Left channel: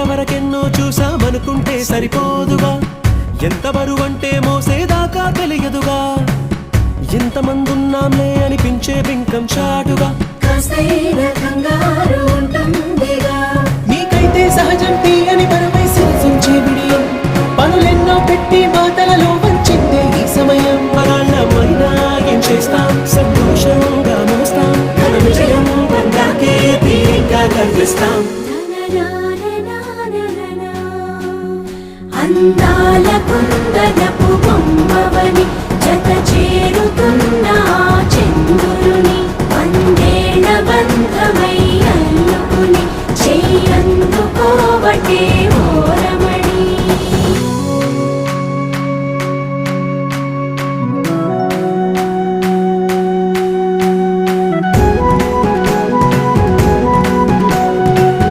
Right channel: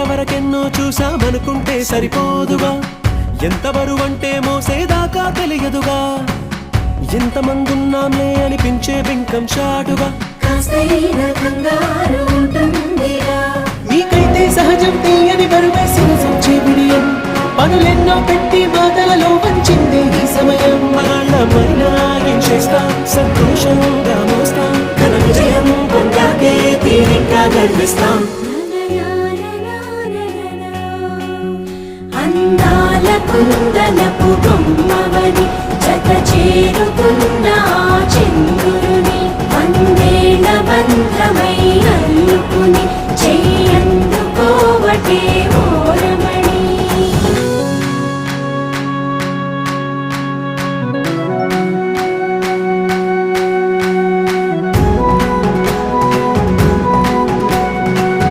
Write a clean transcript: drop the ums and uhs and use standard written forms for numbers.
ఇంతవరకెన్నో చూసామనుకుంటే సరిపోదుగా, ఎంత బరువంటే మోసేదాకా తెలియదుగా, ఎంతమందున్నాంలే అనిపించే బింకం చాటుగా మీకైతే సహజం తీయని బరువై సిరిసించే బిడియం, పనులెన్నో పెట్టి మాటలలో వంచిందే ఈ సమయం. వాళ్ళమైనా ఏం చేస్తాం, సంతోషంగా మోస్తాం, ఘన విజయం పొందాకే తీరిగ్గా గర్విస్తాం. అందాల కుందనపు బొమ్మవని జత చేరుతున్న చంద్రుని వందేళ్ల బంధమై అల్లుకుని